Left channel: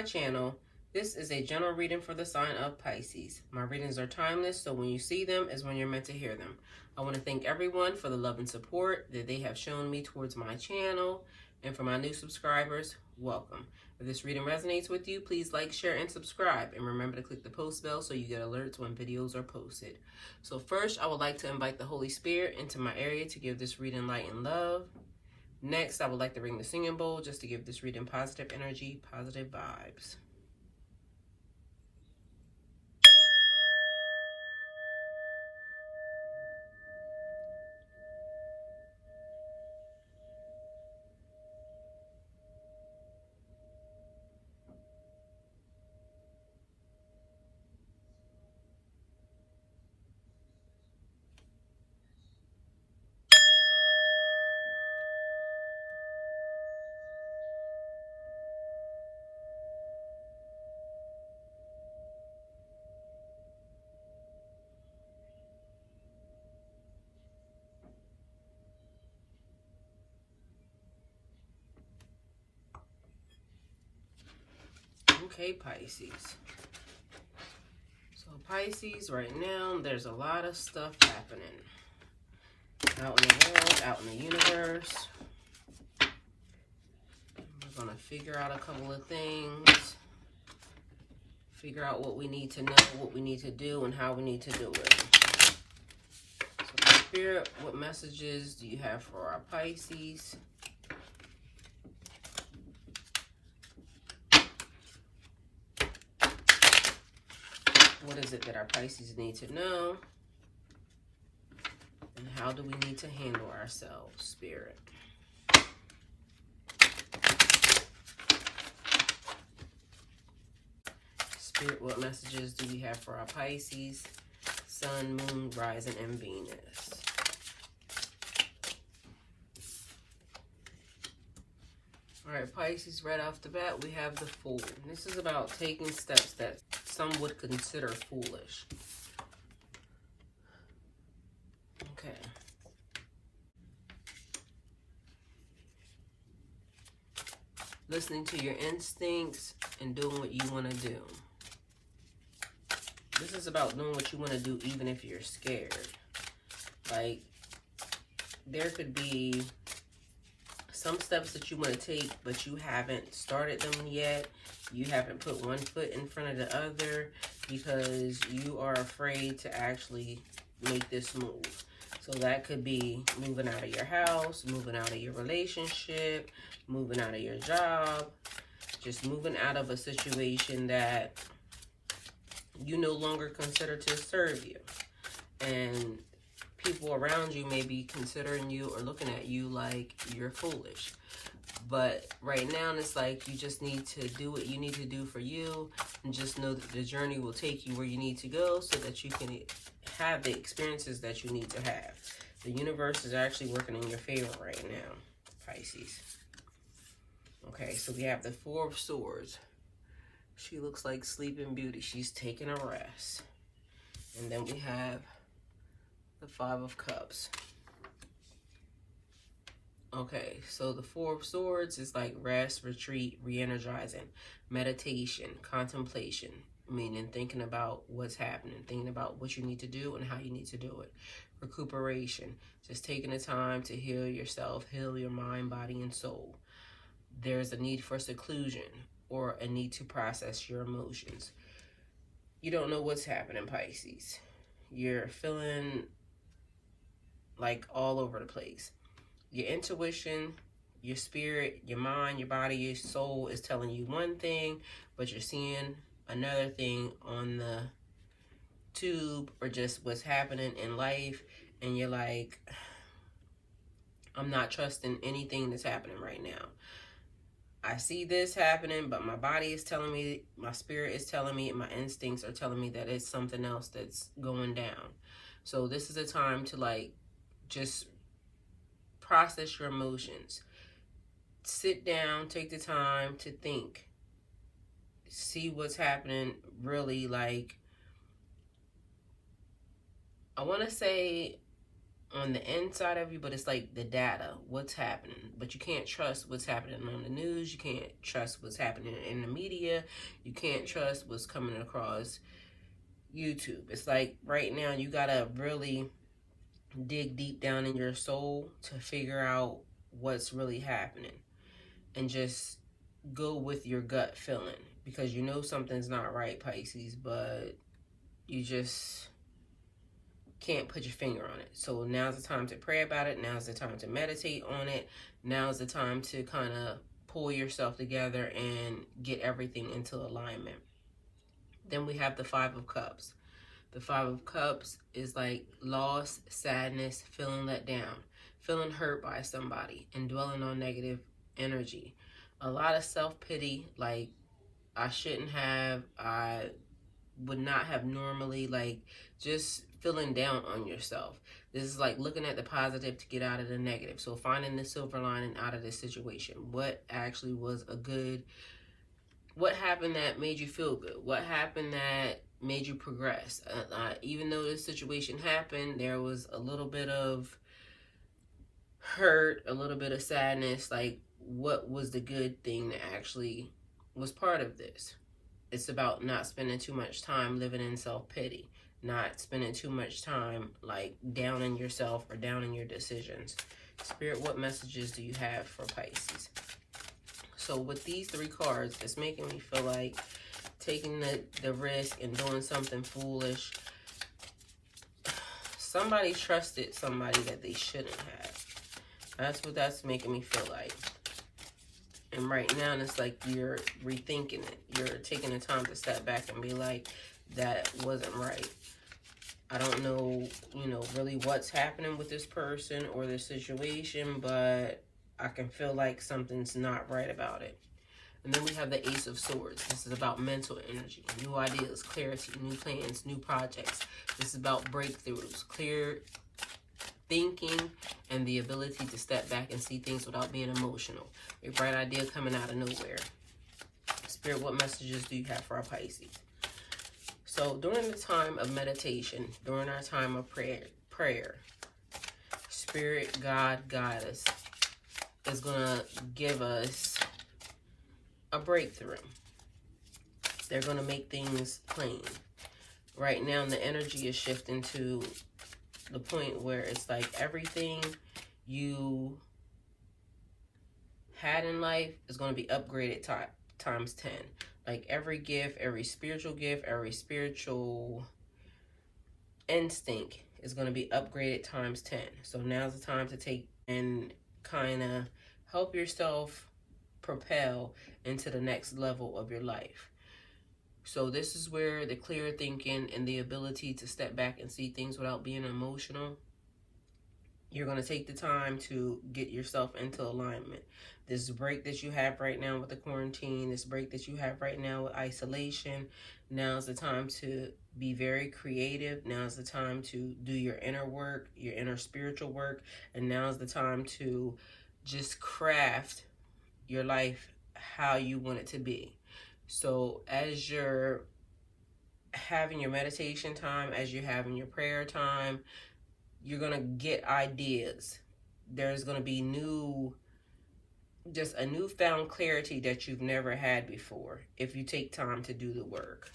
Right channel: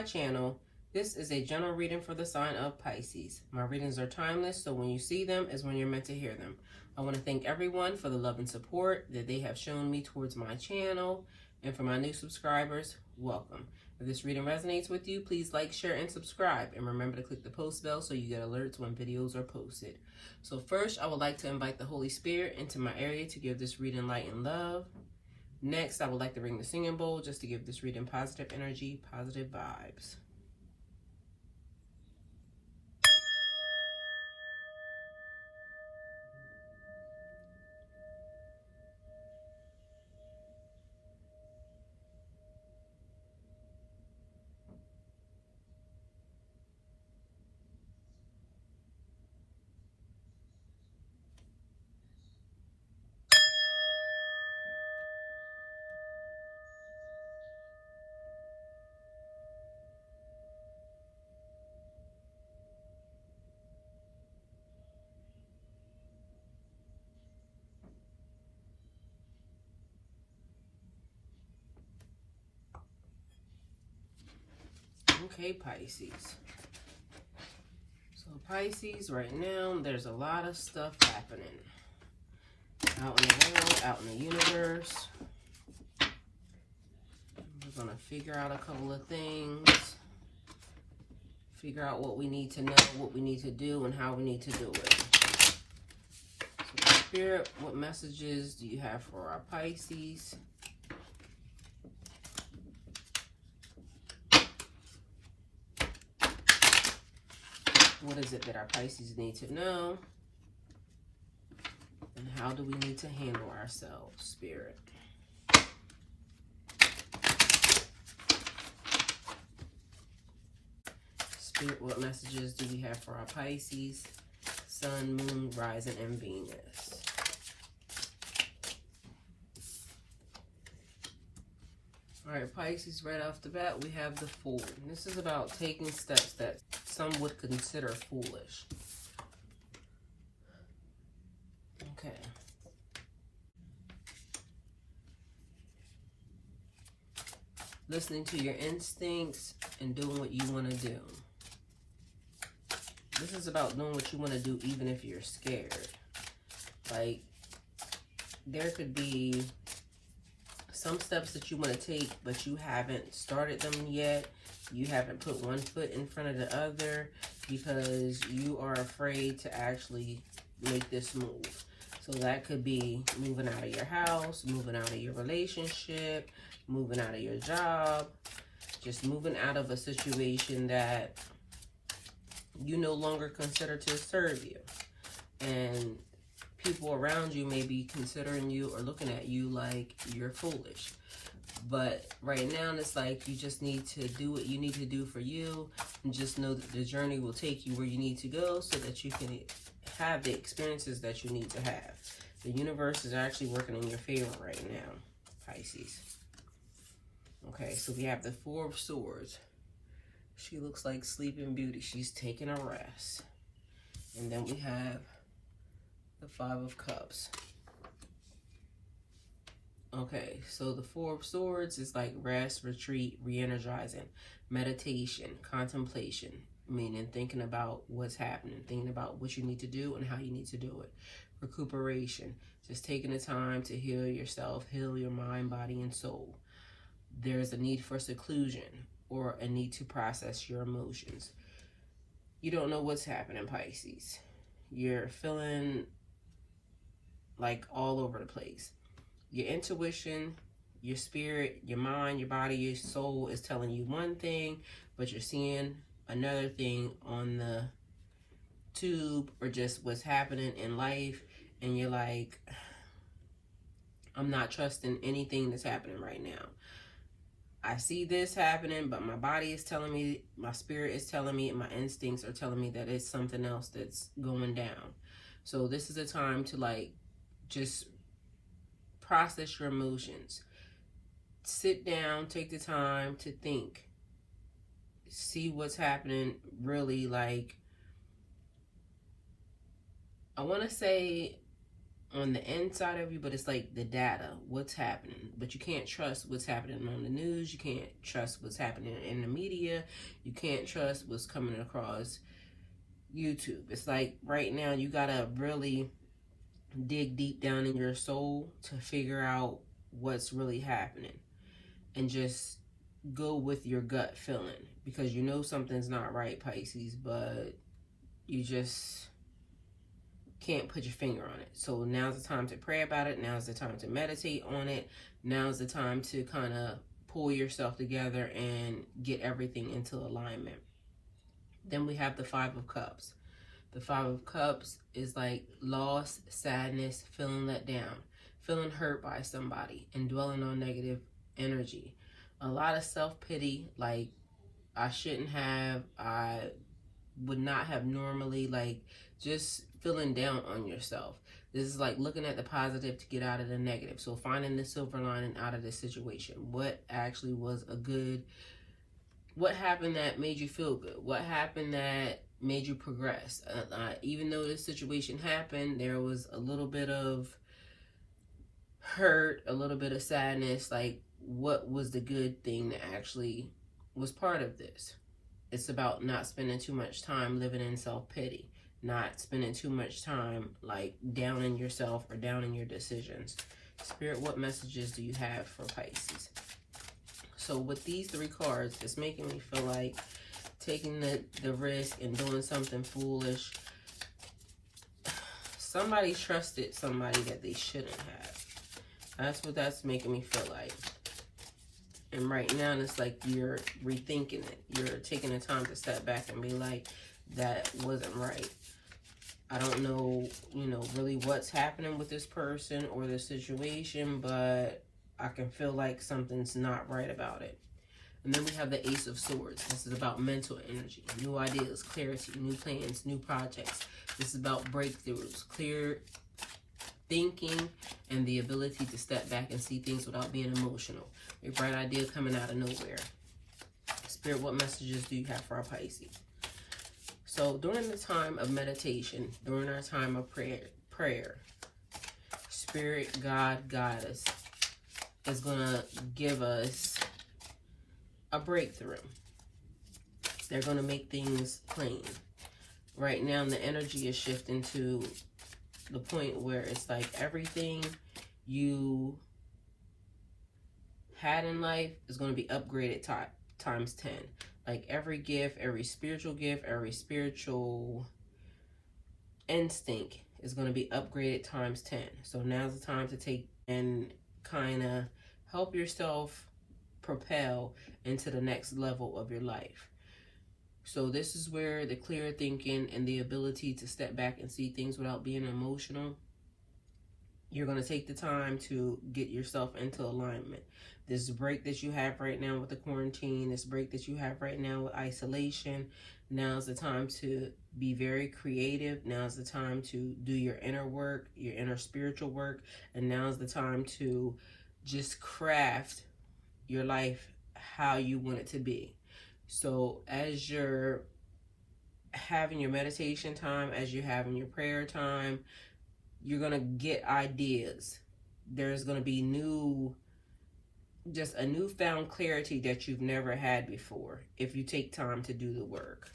my channel. This is a general reading for the sign of Pisces. My readings are timeless, so when you see them is when you're meant to hear them. I want to thank everyone for the love and support that they have shown me towards my channel. And for my new subscribers, welcome. If this reading resonates with you, please like, share, and subscribe. And remember to click the post bell so you get alerts when videos are posted. So first, I would like to invite the Holy Spirit into my area to give this reading light and love. Next, I would like to ring the singing bowl just to give this reading positive energy, positive vibes. Okay, Pisces. So Pisces, right now, there's a lot of stuff happening. Out in the world, out in the universe. We're going to figure out a couple of things. Figure out what we need to know, what we need to do, and how we need to do it. So Spirit, what messages do you have for our Pisces? What is it that our Pisces need to know? And how do we need to handle ourselves, Spirit? Spirit, what messages do we have for our Pisces? Sun, Moon, Rising, and Venus. All right, Pisces, right off the bat, we have the Fool. This is about taking steps that some would consider foolish. Okay. Listening to your instincts and doing what you want to do. This is about doing what you want to do even if you're scared. Like, there could be some steps that you want to take, but you haven't started them yet. You haven't put one foot in front of the other because you are afraid to actually make this move. So that could be moving out of your house, moving out of your relationship, moving out of your job, just moving out of a situation that you no longer consider to serve you. And people around you may be considering you or looking at you like you're foolish. But right now, it's like you just need to do what you need to do for you and just know that the journey will take you where you need to go so that you can have the experiences that you need to have. The universe is actually working in your favor right now, Pisces. Okay, so we have the Four of Swords. She looks like Sleeping Beauty. She's taking a rest. And then we have the Five of Cups. Okay, so the Four of Swords is like rest, retreat, re-energizing, meditation, contemplation, meaning thinking about what's happening, thinking about what you need to do and how you need to do it. Recuperation, just taking the time to heal yourself, heal your mind, body, and soul. There's a need for seclusion or a need to process your emotions. You don't know what's happening, Pisces. You're feeling like all over the place. Your intuition, your spirit, your mind, your body, your soul is telling you one thing, but you're seeing another thing on the tube or just what's happening in life. And you're like, I'm not trusting anything that's happening right now. I see this happening, but my body is telling me, my spirit is telling me, and my instincts are telling me that it's something else that's going down. So this is a time to like just process your emotions. Sit down, take the time to think. See what's happening really, like, I want to say on the inside of you, but it's like the data, what's happening. But you can't trust what's happening on the news. You can't trust what's happening in the media. You can't trust what's coming across YouTube. It's like right now you gotta really dig deep down in your soul to figure out what's really happening, and just go with your gut feeling, because you know something's not right, Pisces, but you just can't put your finger on it. So now's the time to pray about it. Now's the time to meditate on it. Now's the time to kind of pull yourself together and get everything into alignment. Then we have the Five of Cups. The Five of Cups is like loss, sadness, feeling let down, feeling hurt by somebody, and dwelling on negative energy. A lot of self-pity, like I shouldn't have, I would not have normally, like just feeling down on yourself. This is like looking at the positive to get out of the negative. So finding the silver lining out of this situation. What actually was a good, what happened that made you feel good? What happened that made you progress? Even though this situation happened, there was a little bit of hurt, a little bit of sadness. Like, what was the good thing that actually was part of this? It's about not spending too much time living in self-pity, not spending too much time like downing yourself or downing your decisions. Spirit, what messages do you have for Pisces? So with these three cards, it's making me feel like taking the risk and doing something foolish. Somebody trusted somebody that they shouldn't have. That's what that's making me feel like. And right now, it's like you're rethinking it. You're taking the time to step back and be like, that wasn't right. I don't know, really what's happening with this person or this situation, but I can feel like something's not right about it. And then we have the Ace of Swords. This is about mental energy, new ideas, clarity, new plans, new projects. This is about breakthroughs, clear thinking, and the ability to step back and see things without being emotional. A bright idea coming out of nowhere. Spirit, what messages do you have for our Pisces? So during the time of meditation, during our time of prayer, Spirit, God, Goddess is going to give us a breakthrough. They're going to make things plain. Right now, the energy is shifting to the point where it's like everything you had in life is going to be upgraded times 10. Like every gift, every spiritual instinct is going to be upgraded times 10. So now's the time to take and kind of help yourself propel into the next level of your life. So this is where the clear thinking and the ability to step back and see things without being emotional, you're going to take the time to get yourself into alignment. This break that you have right now with the quarantine, this break that you have right now with isolation, now's the time to be very creative. Now's the time to do your inner work, your inner spiritual work, and now's the time to just craft your life how you want it to be. So as you're having your meditation time, as you're having your prayer time, you're going to get ideas. There's going to be just a newfound clarity that you've never had before if you take time to do the work.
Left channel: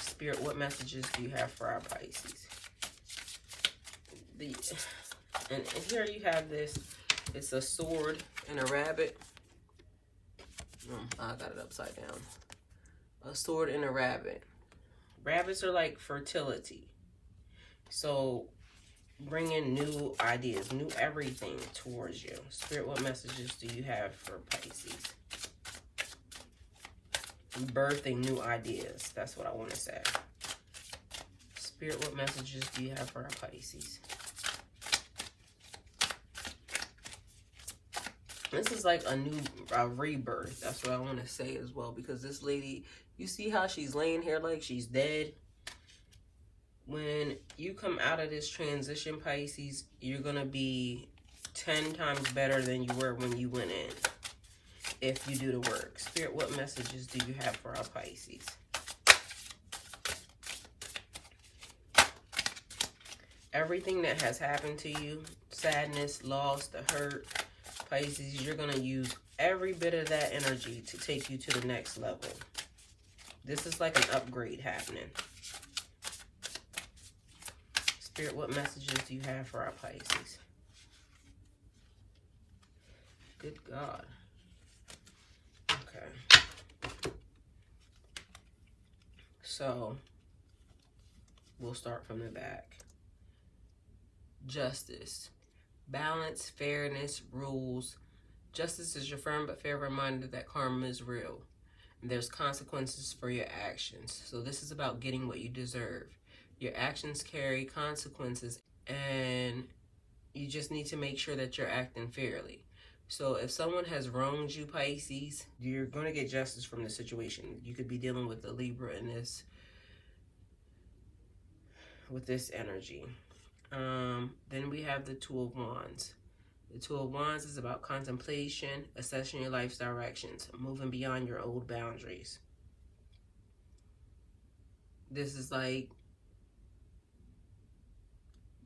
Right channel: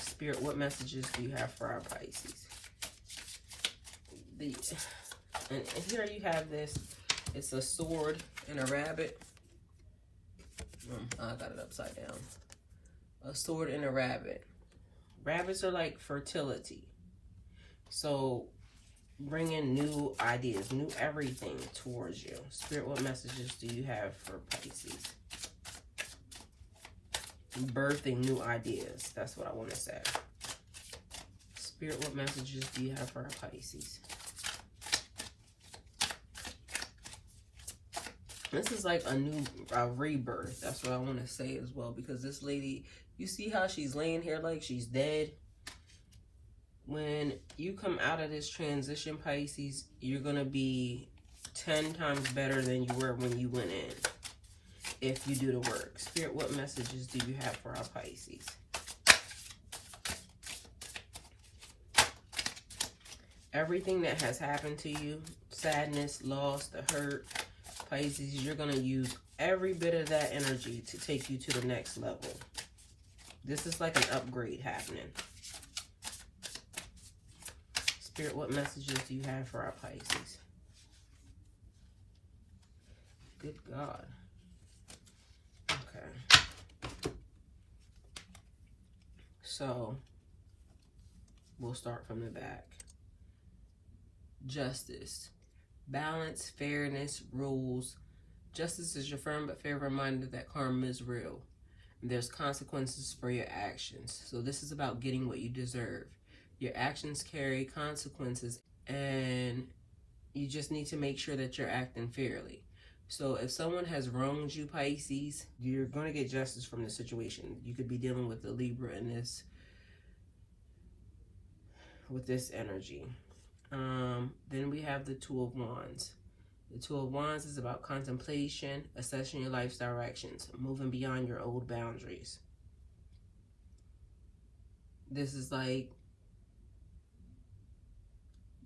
Spirit, what messages do you have for our Pisces? And here you have this. It's a sword and a rabbit. I got it upside down. A sword and a rabbit. Rabbits are like fertility. So bringing new ideas, new everything towards you. Spirit, what messages do you have for Pisces? Birthing new ideas. That's what I want to say. Spirit, what messages do you have for our Pisces? This is like a new rebirth. That's what I want to say as well. Because this lady, you see how she's laying here like she's dead? When you come out of this transition, Pisces, you're going to be 10 times better than you were when you went in. If you do the work. Spirit, what messages do you have for our Pisces? Everything that has happened to you, sadness, loss, the hurt, Pisces, you're going to use every bit of that energy to take you to the next level. This is like an upgrade happening. Spirit, what messages do you have for our Pisces? Good God. Okay. So, we'll start from the back. Justice. Balance, fairness, rules. Justice is your firm but fair reminder that karma is real. There's consequences for your actions. So this is about getting what you deserve. Your actions carry consequences, and you just need to make sure that you're acting fairly. So if someone has wronged you, Pisces, you're going to get justice from the situation. You could be dealing with the Libra in this, with this energy. Then we have the Two of Wands. The Two of Wands is about contemplation, assessing your life's directions, moving beyond your old boundaries. This is like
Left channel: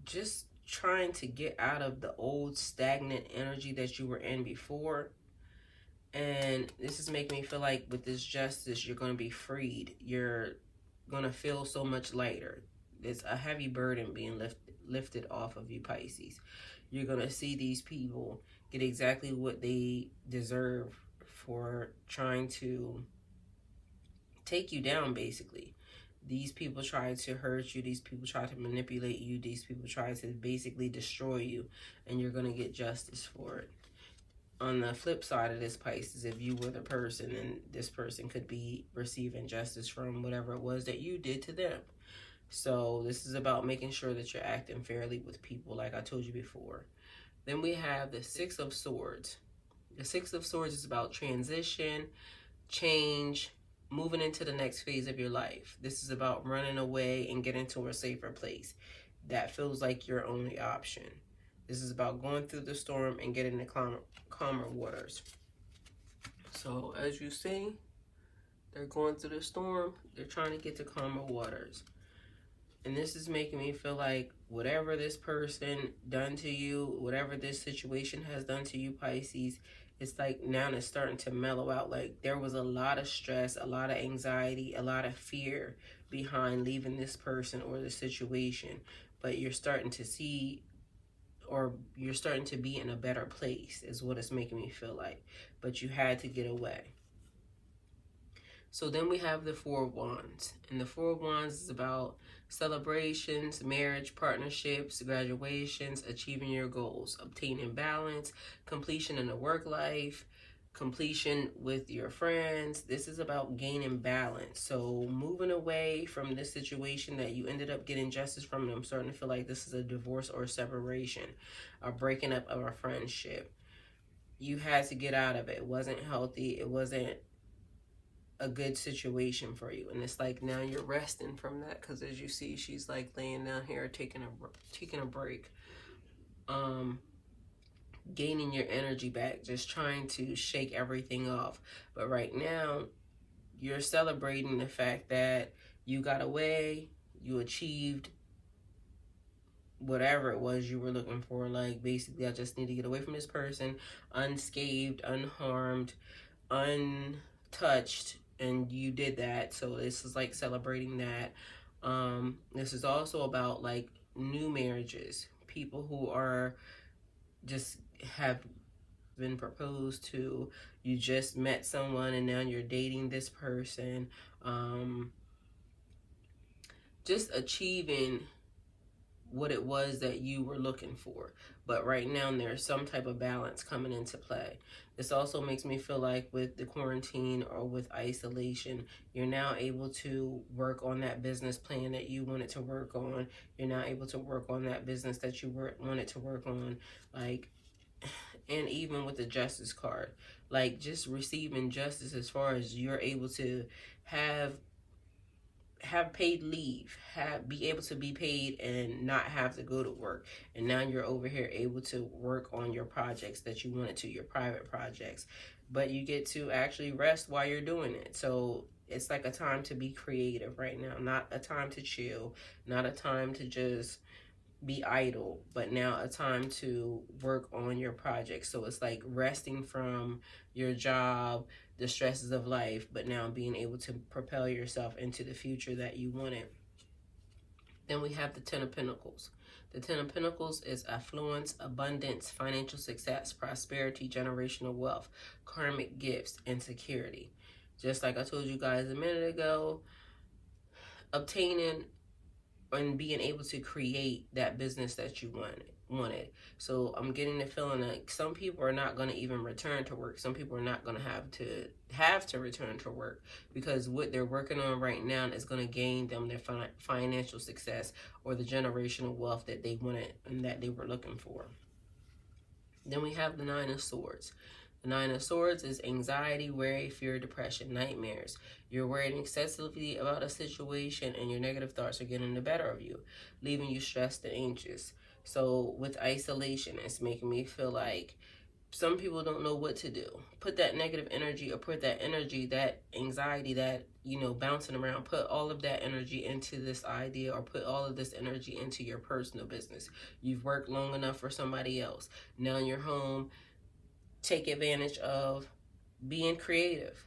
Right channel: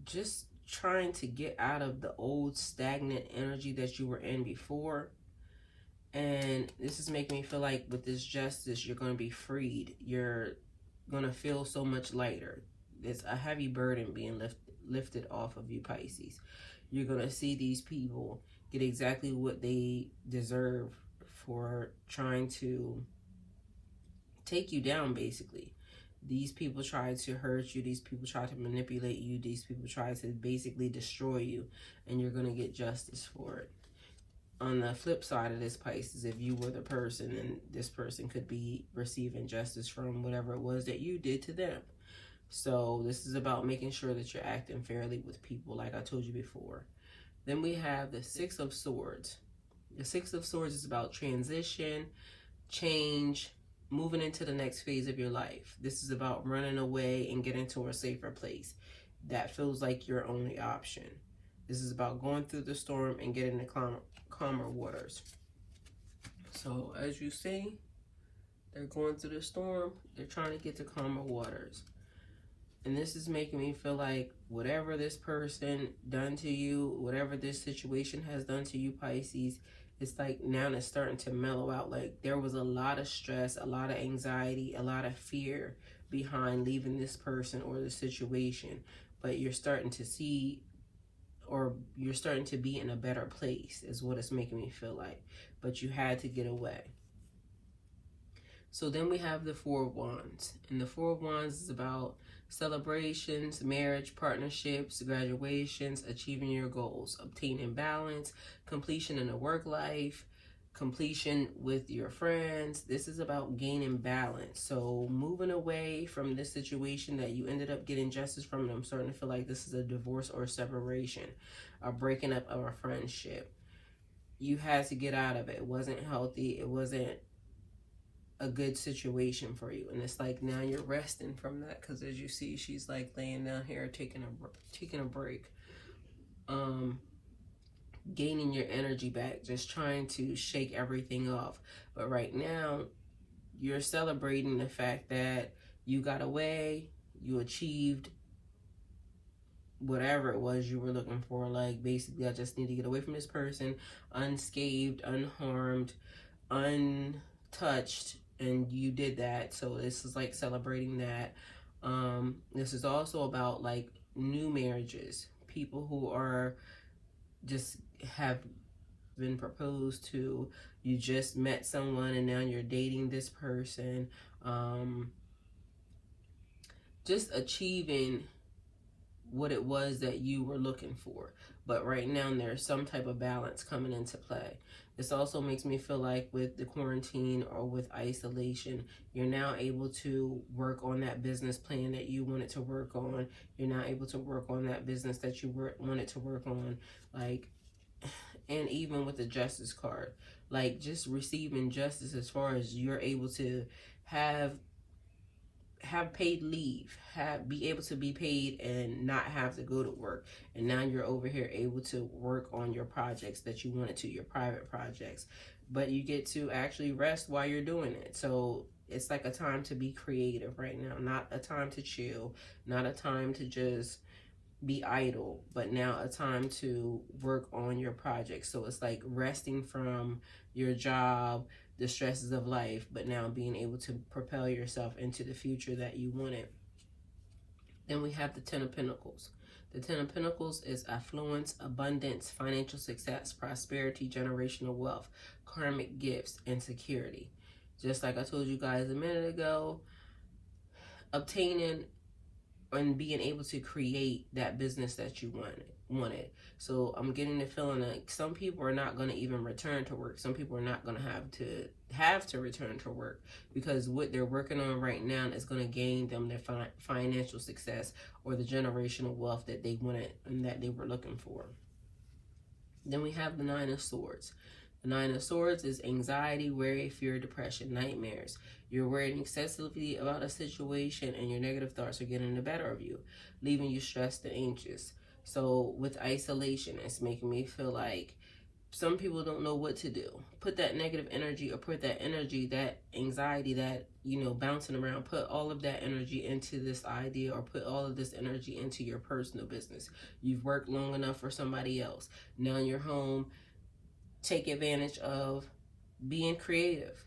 just trying to get out of the old stagnant energy that you were in before. And this is making me feel like with this justice, you're going to be freed. You're going to feel so much lighter. It's a heavy burden being lifted off of you, Pisces. You're going to see these people get exactly what they deserve for trying to take you down, basically. These people try to hurt you. These people try to manipulate you. These people try to basically destroy you. And you're going to get justice for it. On the flip side of this, Pisces, if you were the person, and this person could be receiving justice from whatever it was that you did to them. So this is about making sure that you're acting fairly with people, like I told you before. Then we have the Six of Swords. The Six of Swords is about transition, change, moving into the next phase of your life. This is about running away and getting to a safer place. That feels like your only option. This is about going through the storm and getting to calmer waters. So as you see, they're going through the storm. They're trying to get to calmer waters. And this is making me feel like whatever this person done to you, whatever this situation has done to you, Pisces, it's like now it's starting to mellow out. Like there was a lot of stress, a lot of anxiety, a lot of fear behind leaving this person or the situation. But you're starting to see, or you're starting to be in a better place is what it's making me feel like. But you had to get away. So then we have the Four of Wands. And the Four of Wands is about celebrations, marriage, partnerships, graduations, achieving your goals, obtaining balance, completion in the work life, completion with your friends. This is about gaining balance. So moving away from this situation that you ended up getting justice from. I'm starting to feel like this is a divorce or a separation, a breaking up of a friendship. You had to get out of it. It wasn't healthy. It wasn't a good situation for you. And it's like now you're resting from that, because as you see, she's like laying down here taking a break, gaining your energy back, just trying to shake everything off. But right now you're celebrating the fact that you got away, you achieved whatever it was you were looking for. Like basically, I just need to get away from this person unscathed, unharmed, untouched. And you did that. So this is like celebrating that. This is also about like new marriages, people who are just have been proposed to. You just met someone and now you're dating this person. Just achieving what it was that you were looking for. But right now there's some type of balance coming into play. This also makes me feel like with the quarantine or with isolation, you're now able to work on that business plan that you wanted to work on. You're now able to work on that business that you wanted to work on. Like, and even with the justice card, like just receiving justice as far as you're able to have paid leave, be able to be paid and not have to go to work. And now you're over here able to work on your projects that you wanted to, your private projects, but you get to actually rest while you're doing it. So it's like a time to be creative right now, not a time to chill, not a time to just be idle, but now a time to work on your project. So it's like resting from your job, the stresses of life, but now being able to propel yourself into the future that you wanted. Then we have the Ten of Pentacles. The Ten of Pentacles is affluence, abundance, financial success, prosperity, generational wealth, karmic gifts, and security. Just like I told you guys a minute ago, obtaining and being able to create that business that you wanted. So I'm getting the feeling like some people are not going to even return to work. Some people are not going to have to return to work, because what they're working on right now is going to gain them their financial success or the generational wealth that they wanted and that they were looking for. Then we have the Nine of Swords. The Nine of Swords is anxiety, worry, fear, depression, nightmares. You're worrying excessively about a situation and your negative thoughts are getting the better of you, leaving you stressed and anxious. So with isolation, it's making me feel like some people don't know what to do. Put that negative energy, or put that energy, that anxiety, that, bouncing around, put all of that energy into this idea, or put all of this energy into your personal business. You've worked long enough for somebody else. Now you're home. Take advantage of being creative.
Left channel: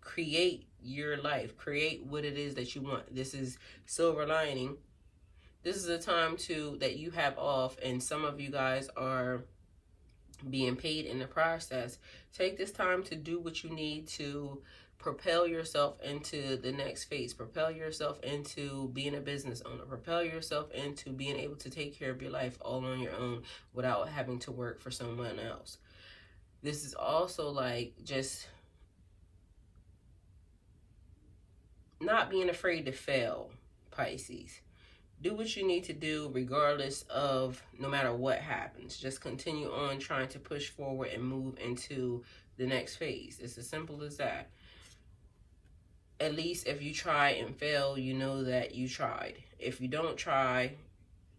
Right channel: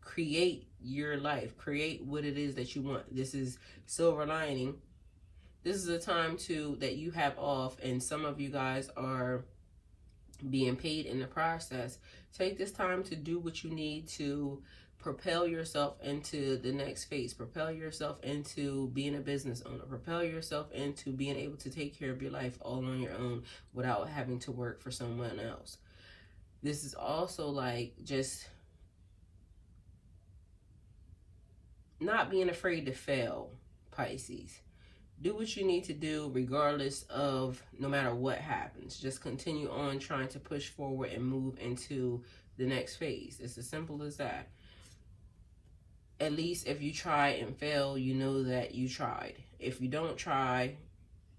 Create your life. Create what it is that you want. This is silver lining. This is a time that you have off, and some of you guys are being paid in the process. Take this time to do what you need to propel yourself into the next phase. Propel yourself into being a business owner. Propel yourself into being able to take care of your life all on your own without having to work for someone else. This is also like just not being afraid to fail, Pisces. Do what you need to do regardless of, no matter what happens. Just continue on trying to push forward and move into the next phase. It's as simple as that. At least if you try and fail, you know that you tried. If you don't try,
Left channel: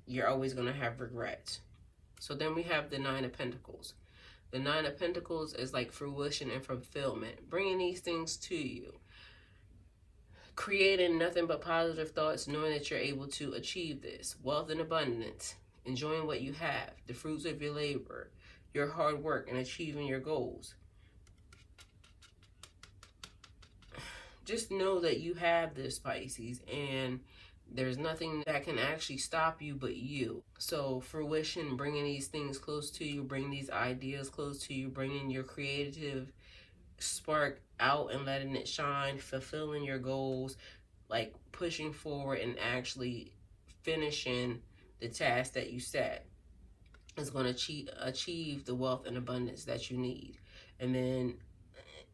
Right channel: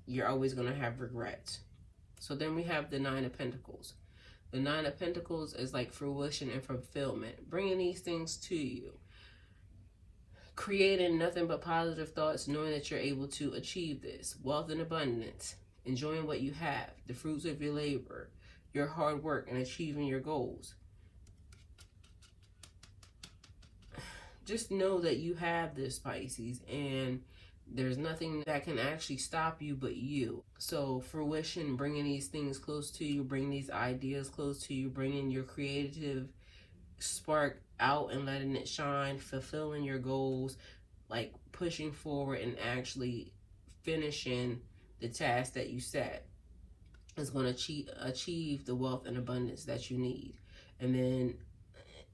you're always going to have regrets. So then we have the Nine of Pentacles. The Nine of Pentacles is like fruition and fulfillment, bringing these things to you. Creating nothing but positive thoughts, knowing that you're able to achieve this. Wealth and abundance, enjoying what you have, the fruits of your labor, your hard work, and achieving your goals. Just know that you have this, Pisces, and there's nothing that can actually stop you but you. So fruition, bringing these things close to you, bring these ideas close to you, bringing your creative spark out and letting it shine, fulfilling your goals, like pushing forward and actually finishing the task that you set is going to achieve the wealth and abundance that you need. And then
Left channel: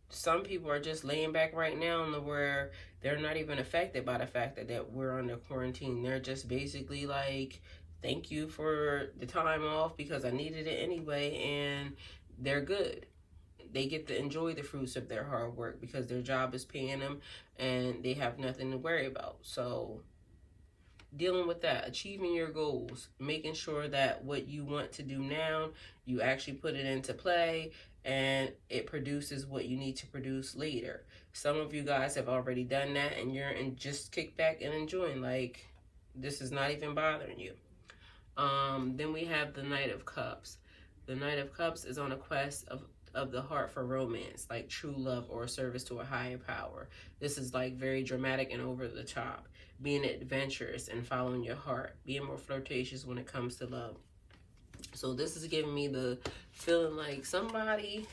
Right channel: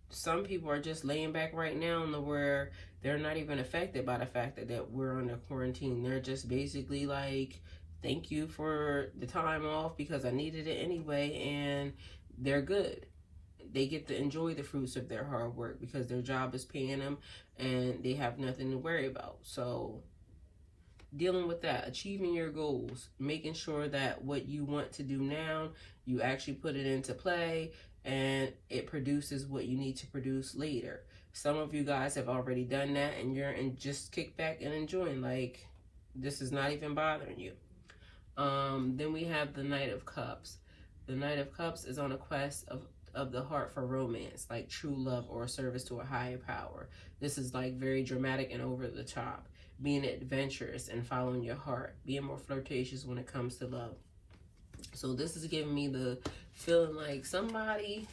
some people are just laying back right now where they're not even affected by the fact that we're under quarantine. They're just basically like, thank you for the time off because I needed it anyway, and they're good. They get to enjoy the fruits of their hard work because their job is paying them and they have nothing to worry about. So dealing with that, achieving your goals, making sure that what you want to do now, you actually put it into play and it produces what you need to produce later. Some of you guys have already done that and you're just kick back and enjoying, like this is not even bothering you. Then we have the Knight of Cups. The Knight of Cups is on a quest of the heart for romance, like true love or service to a higher power. This is like very dramatic and over the top. Being adventurous and following your heart. Being more flirtatious when it comes to love. So this is giving me the feeling like somebody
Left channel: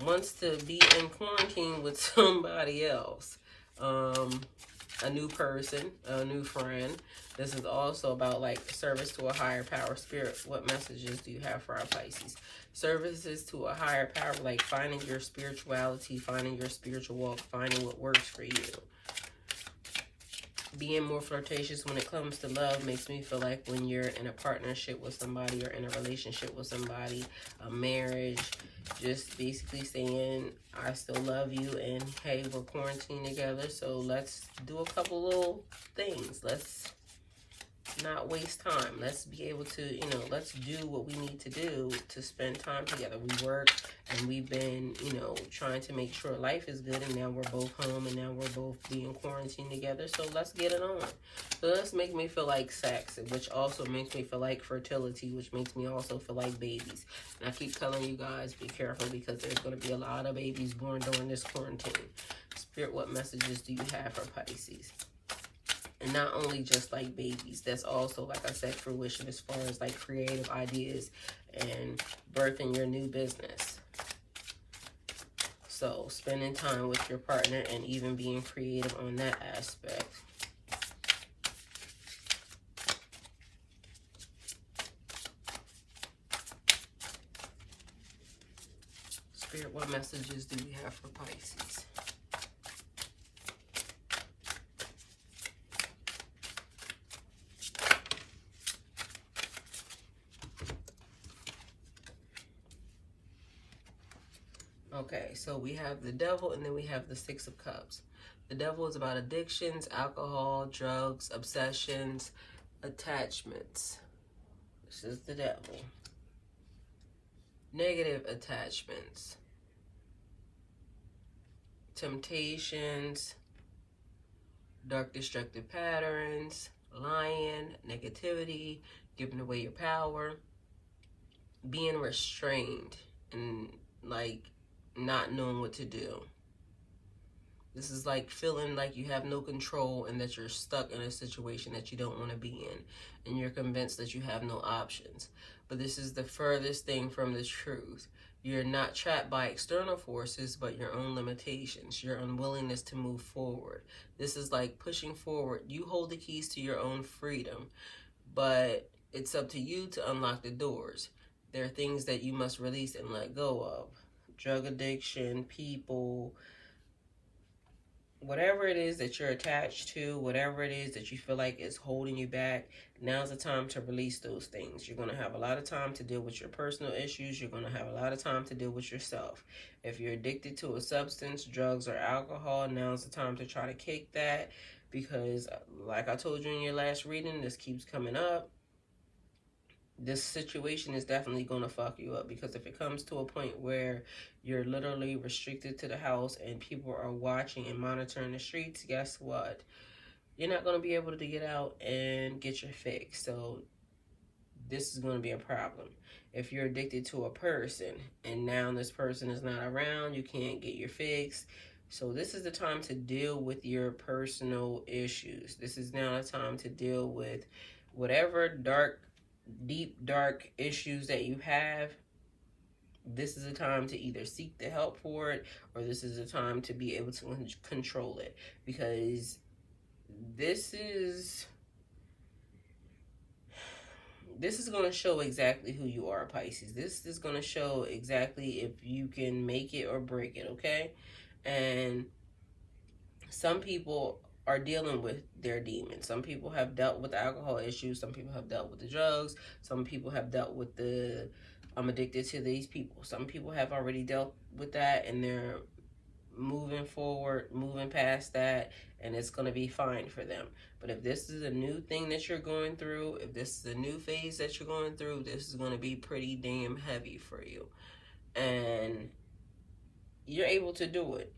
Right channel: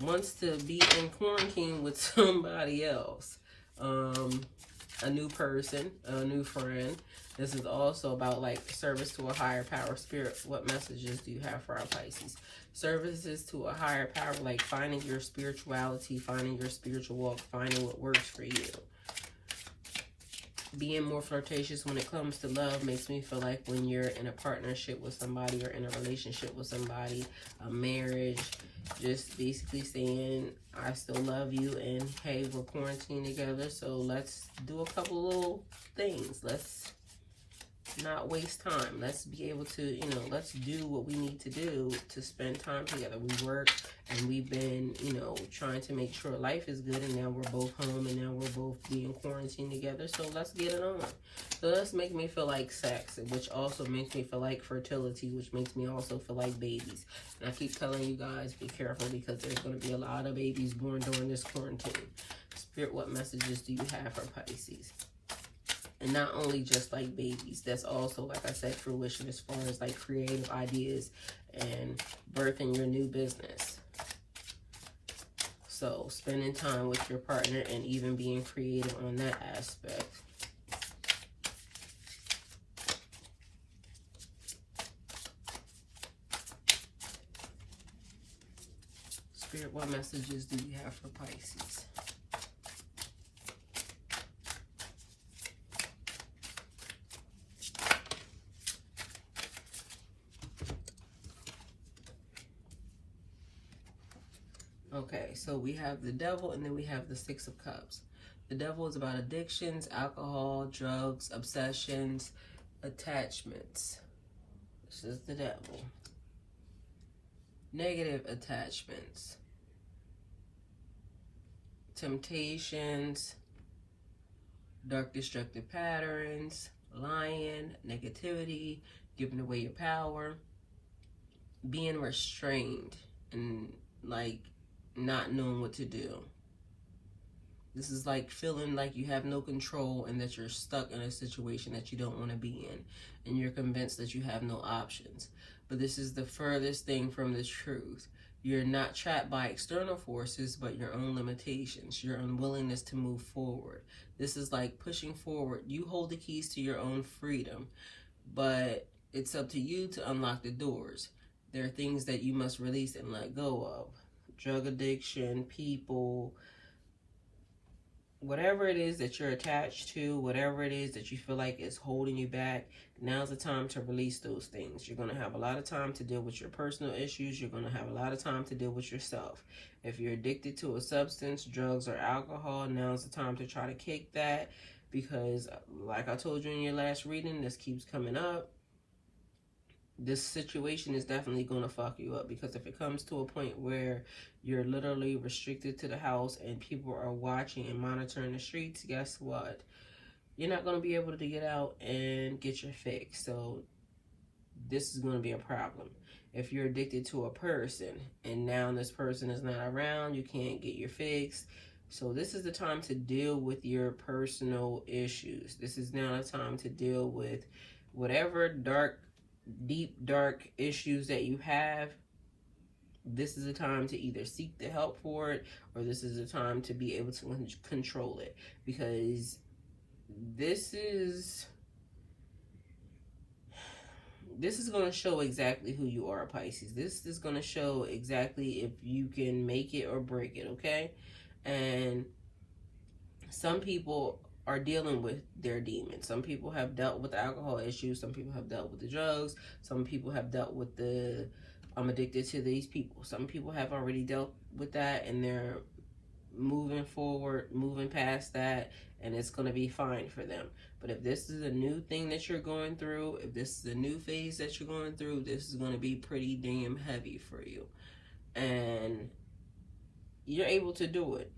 wants to be in quarantine with somebody else. A new person, a new friend. This is also about like service to a higher power. Spirit, what messages do you have for our Pisces? Services to a higher power, like finding your spirituality, finding your spiritual walk, finding what works for you. Being more flirtatious when it comes to love makes me feel like when you're in a partnership with somebody or in a relationship with somebody, a marriage, just basically saying, I still love you and hey, we're quarantined together, so let's do a couple little things. Let's not waste time. Let's be able to, you know, let's do what we need to do to spend time together. We work and we've been, you know, trying to make sure life is good, and now we're both home and now we're both being quarantined together. So let's get it on. So let's make me feel like sex, which also makes me feel like fertility, which makes me also feel like babies. And I keep telling you guys, be careful, because there's going to be a lot of babies born during this quarantine. Spirit, what messages do you have for Pisces? And not only just like babies, that's also, like I said, fruition as far as like creative ideas and birthing your new business. So spending time with your partner and even being creative on that aspect. Spirit, what messages do you have for Pisces? Okay, so we have the Devil, and then we have the Six of Cups. The Devil is about addictions, alcohol, drugs, obsessions, attachments. This is the Devil. Negative attachments, temptations, dark destructive patterns, lying, negativity, giving away your power, being restrained, and like not knowing what to do. This is like feeling like you have no control and that you're stuck in a situation that you don't want to be in, and you're convinced that you have no options. But this is the furthest thing from the truth. You're not trapped by external forces, but your own limitations, your unwillingness to move forward. This is like pushing forward. You hold the keys to your own freedom, but it's up to you to unlock the doors. There are things that you must release and let go of. Drug addiction, people, whatever it is that you're attached to, whatever it is that you feel like is holding you back, now's the time to release those things. You're going to have a lot of time to deal with your personal issues. You're going to have a lot of time to deal with yourself. If you're addicted to a substance, drugs, or alcohol, now's the time to try to kick that, because like I told you in your last reading, this keeps coming up. This situation is definitely going to fuck you up, because if it comes to a point where you're literally restricted to the house and people are watching and monitoring the streets, guess what? You're not going to be able to get out and get your fix. So this is going to be a problem. If you're addicted to a person and now this person is not around, you can't get your fix. So this is the time to deal with your personal issues. This is now the time to deal with whatever deep, dark issues that you have. This is a time to either seek the help for it, or this is a time to be able to control it, because this is going to show exactly who you are, Pisces. This is going to show exactly if you can make it or break it, okay? And some people are dealing with their demons. Some people have dealt with the alcohol issues. Some people have dealt with the drugs. Some people have dealt with the I'm addicted to these people. Some people have already dealt with that and they're moving forward, moving past that, and it's going to be fine for them. But if this is a new thing that you're going through, if this is a new phase that you're going through, this is going to be pretty damn heavy for you. And you're able to do it.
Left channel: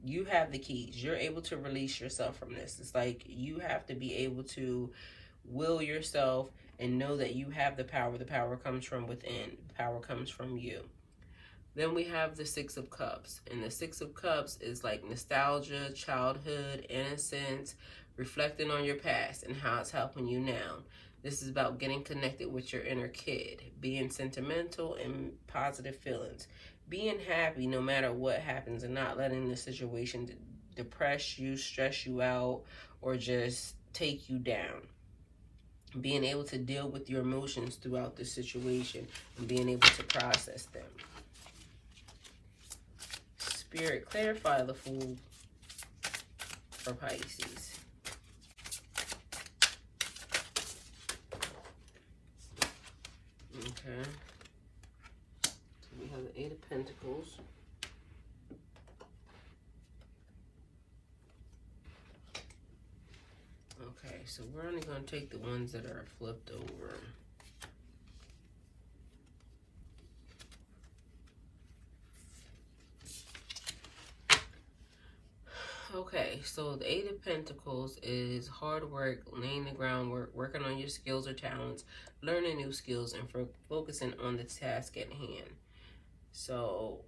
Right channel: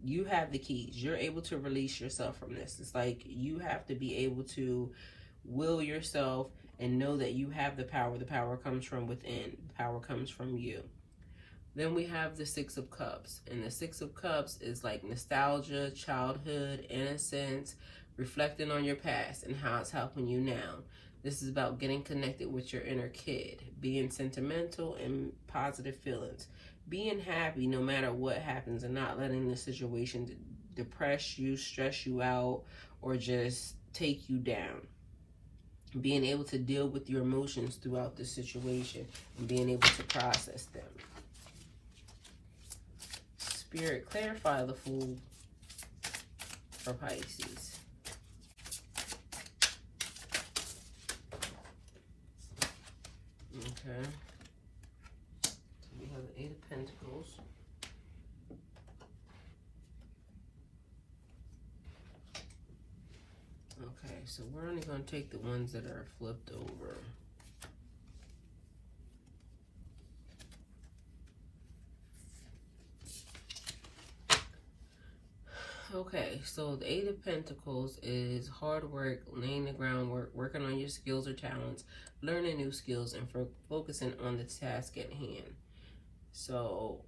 You have the keys. You're able to release yourself from this. It's like you have to be able to will yourself and know that you have the power. The power comes from within. The power comes from you. Then we have the Six of Cups. And the Six of Cups is like nostalgia, childhood, innocence, reflecting on your past and how it's helping you now. This is about getting connected with your inner kid, being sentimental and positive feelings, being happy no matter what happens, and not letting the situation depress you, stress you out, or just take you down. Being able to deal with your emotions throughout the situation and being able to process them. Spirit, clarify the Fool for Pisces. Okay. So we have the Eight of Pentacles. Okay, so we're only going to take the ones that are flipped over. Okay, so the Eight of Pentacles is hard work, laying the groundwork, working on your skills or talents, learning new skills, and focusing on the task at hand. So,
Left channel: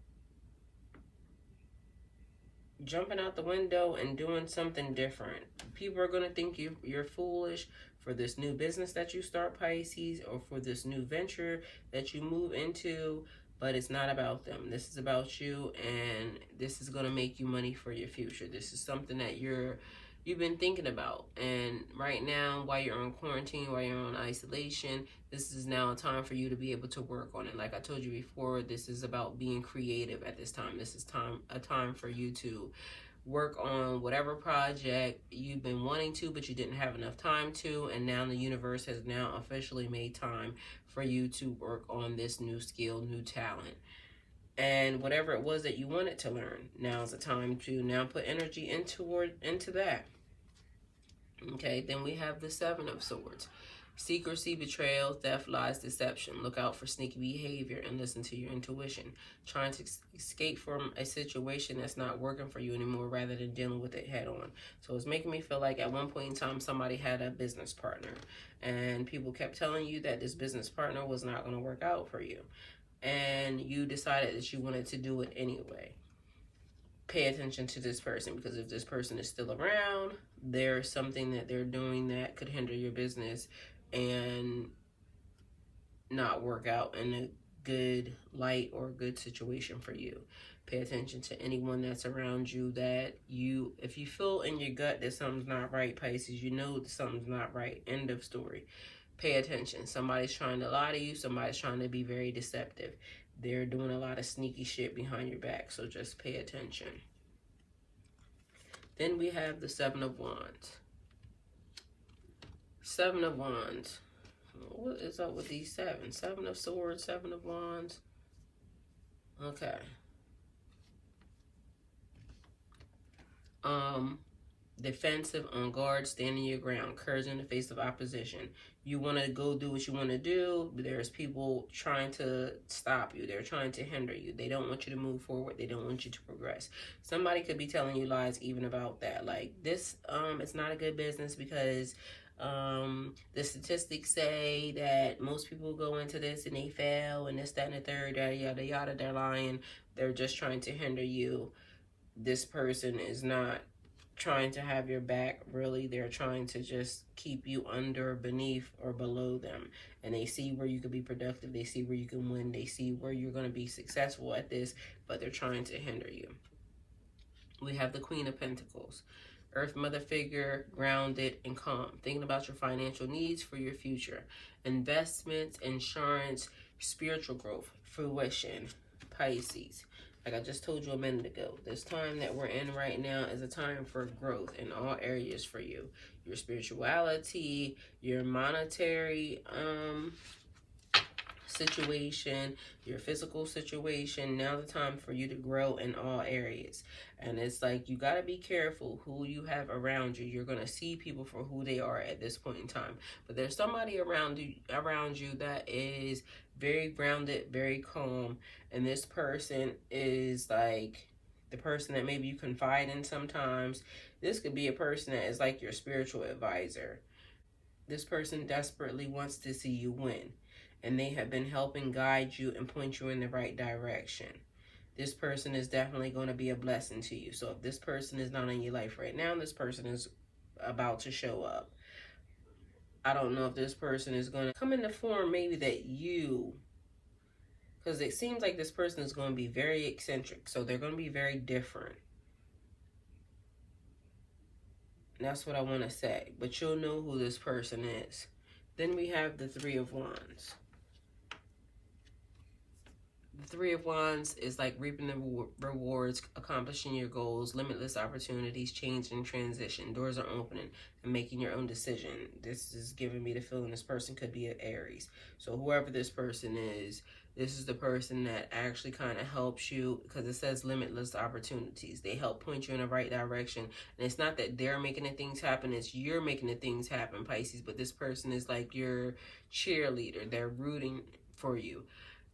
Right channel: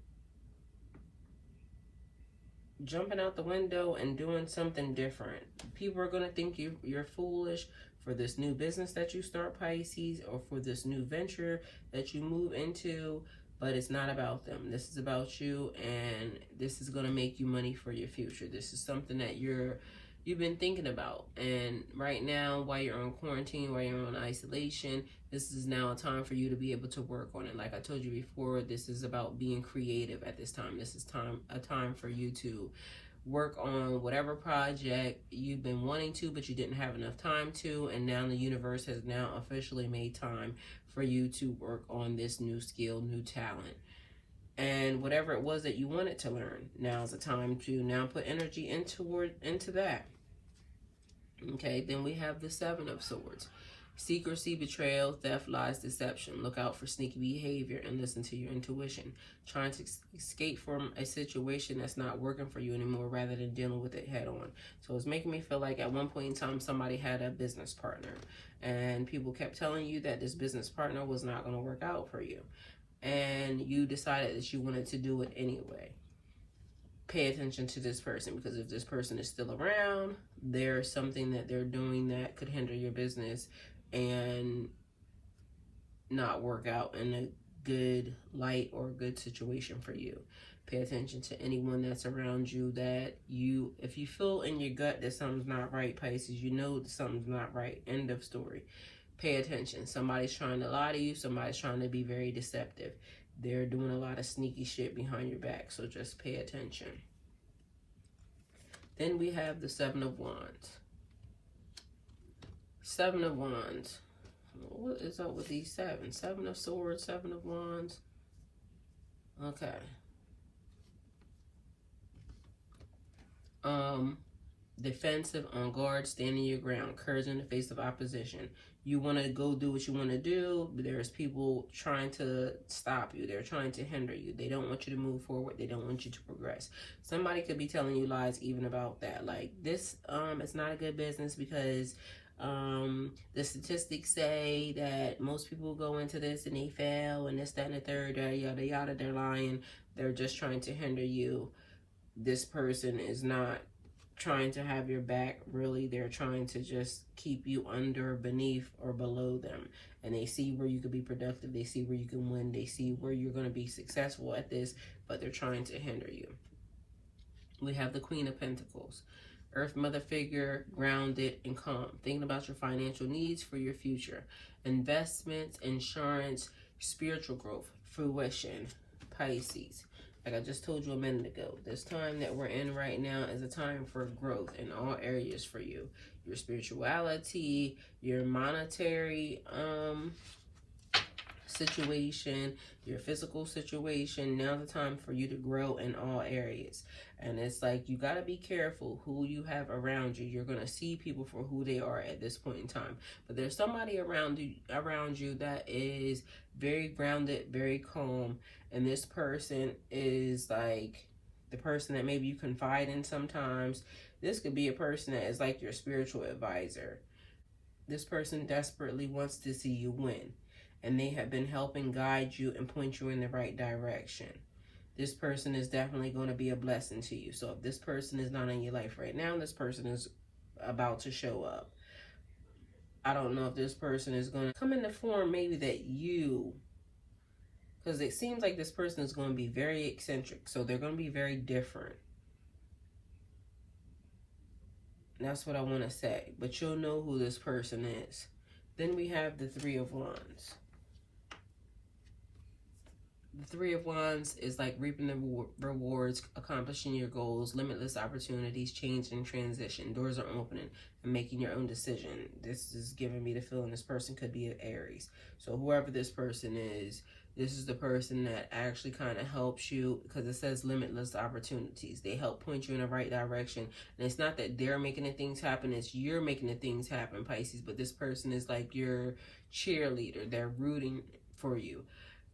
jumping out the window and doing something different. People are going to think you're foolish for this new business that you start, Pisces, or for this new venture that you move into. But it's not about them. This is about you, and this is going to make you money for your future. This is something that you've been thinking about. And right now, while you're on quarantine, while you're on isolation, this is now a time for you to be able to work on it. Like I told you before, this is about being creative at this time. This is a time for you to work on whatever project you've been wanting to, but you didn't have enough time to, and now the universe has now officially made time for you to work on this new skill, new talent. And whatever it was that you wanted to learn, now is the time to now put energy into that. Okay, then we have the Seven of Swords. Secrecy, betrayal, theft, lies, deception. Look out for sneaky behavior and listen to your intuition. Trying to escape from a situation that's not working for you anymore rather than dealing with it head on. So it's making me feel like at one point in time somebody had a business partner and people kept telling you that this business partner was not going to work out for you. And you decided that you wanted to do it anyway. Pay attention to this person, because if this person is still around, there's something that they're doing that could hinder your business and not work out in a good light or good situation for you. Pay attention to anyone that's around you that if you feel in your gut that something's not right, Pisces, you know that something's not right. End of story. Pay attention. Somebody's trying to lie to you. Somebody's trying to be very deceptive. They're doing a lot of sneaky shit behind your back, so just pay attention. Then we have the Seven of Wands. Seven of Wands. What is up with these seven? Seven of Swords, Seven of Wands. Okay. Defensive, on guard, standing your ground, courage in the face of opposition. You want to go do what you want to do, but there's people trying to stop you. They're trying to hinder you. They don't want you to move forward. They don't want you to progress. Somebody could be telling you lies even about that. Like, this, it's not a good business because the statistics say that most people go into this and they fail and this, that, and the third, yada, yada, yada. They're lying. They're just trying to hinder you. This person is not trying to have your back. Really, they're trying to just keep you under, beneath, or below them. And they see where you could be productive. They see where you can win. They see where you're going to be successful at this, but they're trying to hinder you. We have the Queen of Pentacles. Earth Mother figure, grounded and calm. Thinking about your financial needs for your future. Investments, insurance, spiritual growth, fruition. Pisces. Like I just told you a minute ago, this time that we're in right now is a time for growth in all areas for you. Your spirituality, your monetary situation, your physical situation. Now the time for you to grow in all areas. And it's like you got to be careful who you have around you. You're going to see people for who they are at this point in time. But there's somebody around you that is very grounded, very calm. And this person is like the person that maybe you confide in sometimes. This could be a person that is like your spiritual advisor. This person desperately wants to see you win. And they have been helping guide you and point you in the right direction. This person is definitely going to be a blessing to you. So if this person is not in your life right now, this person is about to show up. I don't know if this person is going to come in the form maybe that you... Because it seems like this person is going to be very eccentric. So they're going to be very different. And that's what I want to say. But you'll know who this person is. Then we have the Three of Wands. The Three of Wands is like reaping the rewards, accomplishing your goals, limitless opportunities, change and transition. Doors are opening and making your own decision. This is giving me the feeling this person could be an Aries. So whoever this person is, This is the person that actually kind of helps you, because it says limitless opportunities. They help point you in the right direction. And it's not that they're making the things happen, it's you're making the things happen, Pisces. But this person is like your cheerleader. They're rooting for you.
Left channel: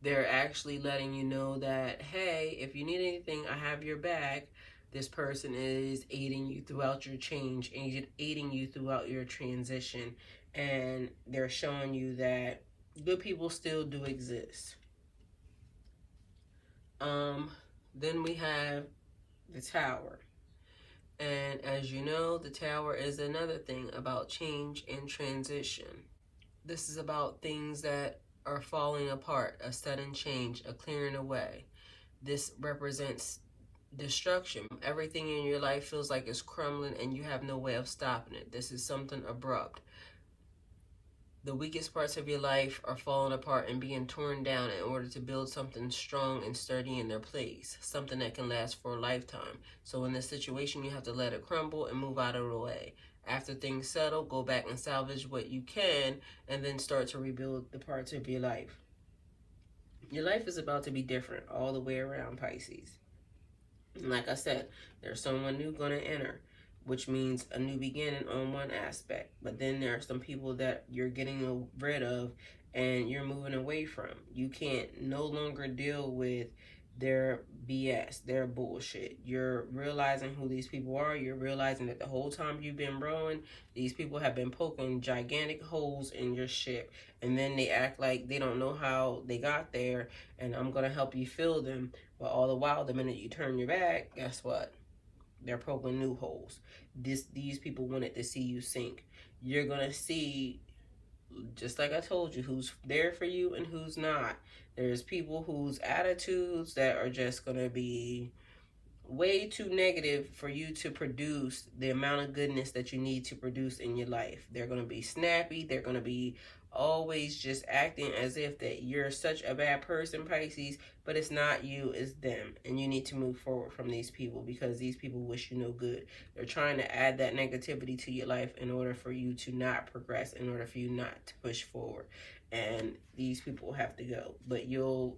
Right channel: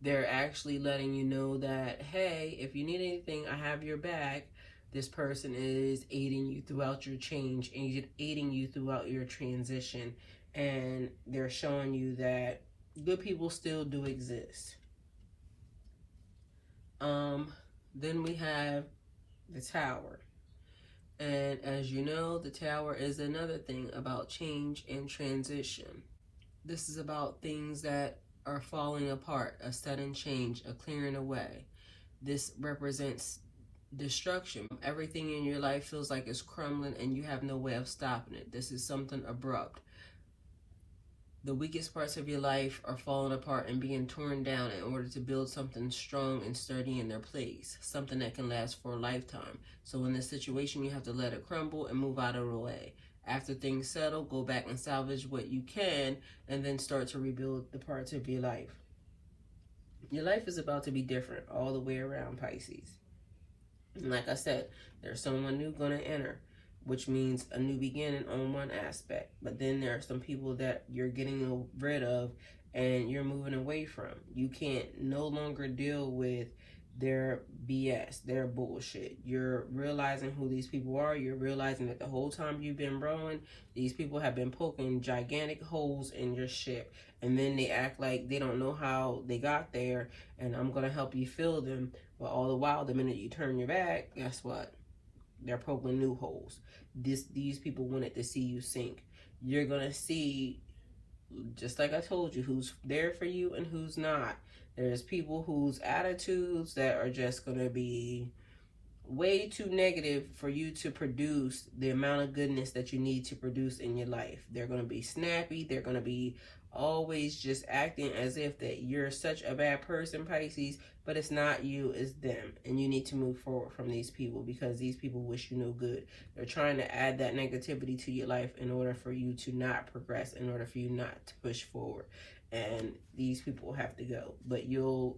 They're actually letting you know that, hey, if you need anything, I have your back. This person is aiding you throughout your change, aiding you throughout your transition. And they're showing you that good people still do exist. Then we have the Tower. And as you know, the Tower is another thing about change and transition. This is about things that are falling apart, a sudden change, a clearing away. This represents destruction. Everything in your life feels like it's crumbling and you have no way of stopping it. This is something abrupt. The weakest parts of your life are falling apart and being torn down in order to build something strong and sturdy in their place, something that can last for a lifetime. So in this situation, you have to let it crumble and move out of the way. After things settle, go back and salvage what you can, and then start to rebuild the parts of your life. Your life is about to be different all the way around, Pisces. And like I said, there's someone new going to enter, which means a new beginning on one aspect. But then there are some people that you're getting rid of and you're moving away from. You can't no longer deal with their BS, their bullshit. You're realizing who these people are. You're realizing that the whole time you've been growing, these people have been poking gigantic holes in your ship. And then they act like they don't know how they got there, and I'm going to help you fill them. But all the while, the minute you turn your back, guess what? They're poking new holes. These people wanted to see you sink. You're going to see, just like I told you, who's there for you and who's not. There's people whose attitudes that are just going to be way too negative for you to produce the amount of goodness that you need to produce in your life. They're going to be snappy. They're going to be always just acting as if that you're such a bad person, Pisces, but it's not you, it's them. And you need to move forward from these people, because these people wish you no good. They're trying to add that negativity to your life in order for you to not progress, in order for you not to push forward. And these people have to go. But you'll